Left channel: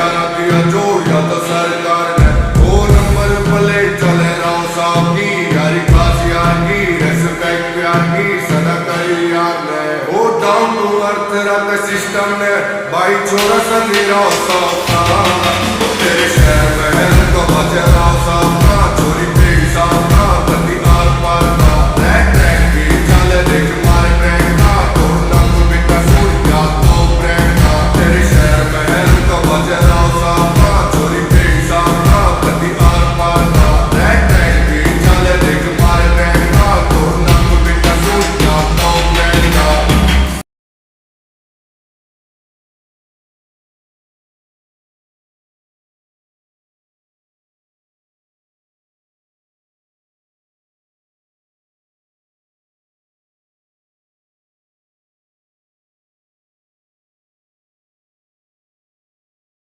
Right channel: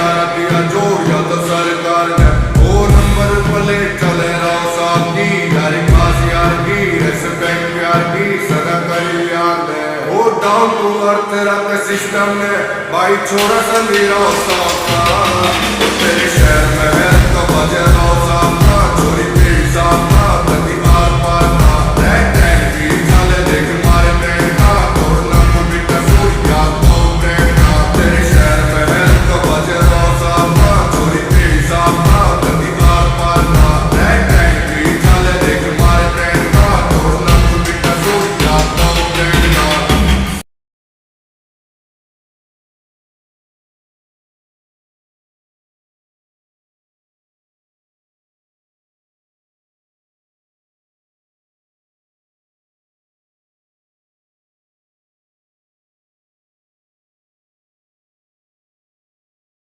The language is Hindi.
भाईचारा दिया जोड़ या तो सरकार ने। वो नंबर प्लेट चले रहो साहब की, यारी खास यार की, रेस्पेक्ट प्यार की सदा करी यार ने। वो डाउन टू अर्थ रख सिस्टम ने, भाई छोरा संधी रहो सौका। तेरे शहर में है तो बजे